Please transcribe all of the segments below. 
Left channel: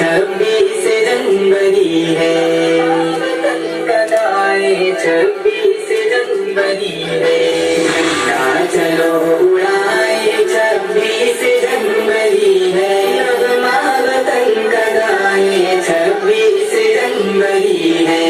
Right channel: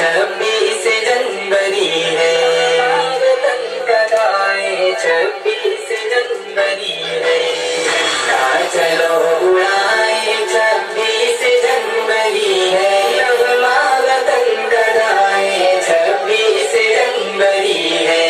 26 जनवरी है, वतन का गाए 26 जनवरी है। झंडा चलो उड़ाए 26 जनवरी है, नगमा वतन का गाए 26 जनवरी है।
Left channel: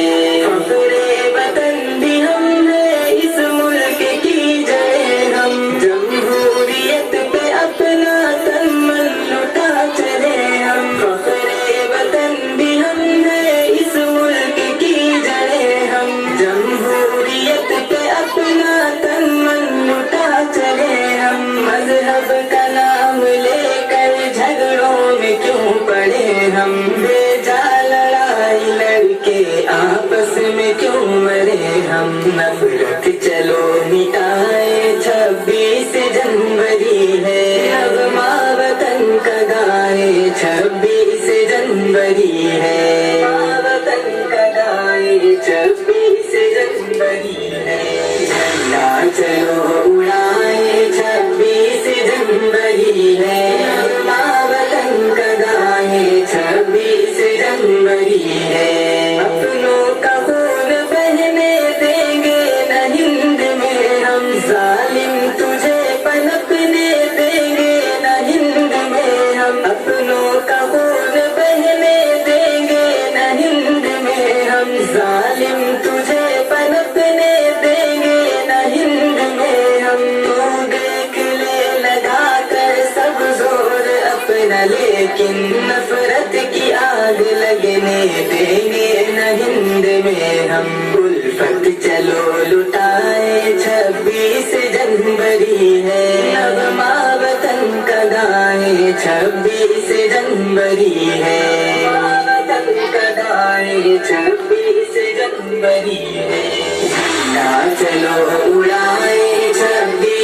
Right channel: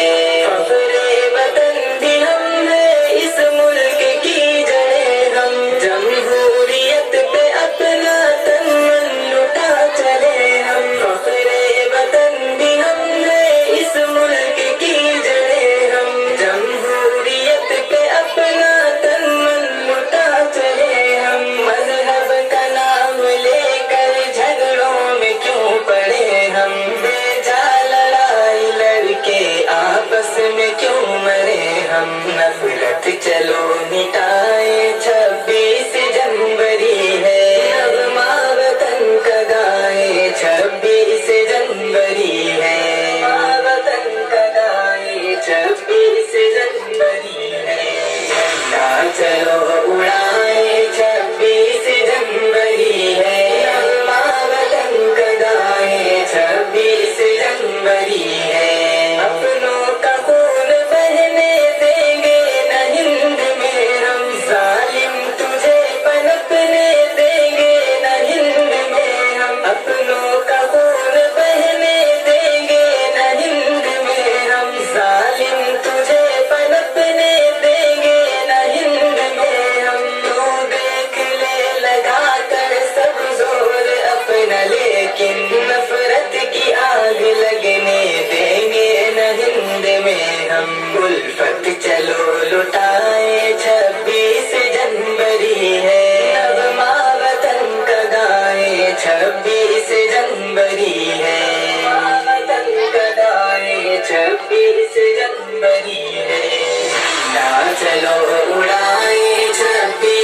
फख्रे वतन भी हम है, इस मुल्क की जड़ें हम, जमहूरियत पे अपना तन मन लुटा चले हम। फख्रे वतन भी हम है, इस मुल्क की जड़ें हम, जमहूरियत पे अपना तन मन लुटा चले हम। मजहब का नाम लेकर झगड़ों में क्यों पड़े हम, बेजा लड़ाई लड़के आपस में क्यों मरे हम। नफरत चलो मिटाए 26 जनवरी है, नगमा वतन का गाए 26 जनवरी है, वतन का गाए 26 जनवरी है। झंडा चलो उड़ाए 26 जनवरी है, नगमा वतन का गाए 26 जनवरी है। अपनों का खून बहने देंगे न हिंद में हम, जालिम तुझे पनपने देंगे न हिंद में हम। अपनों का खून बहने देंगे न हिंद में हम, जालिम तुझे पनपने देंगे न हिंद में हम। तू देख ले लगा कर सब जोर अपना, लेकिन नफरत की आग लगने देंगे न हिंद में हम। उल्फत चलो लुटाए 26 जनवरी है, नगमा वतन का गाए 26 जनवरी है, वतन का गाए 26 जनवरी है। झंडा चलो उड़ाए 26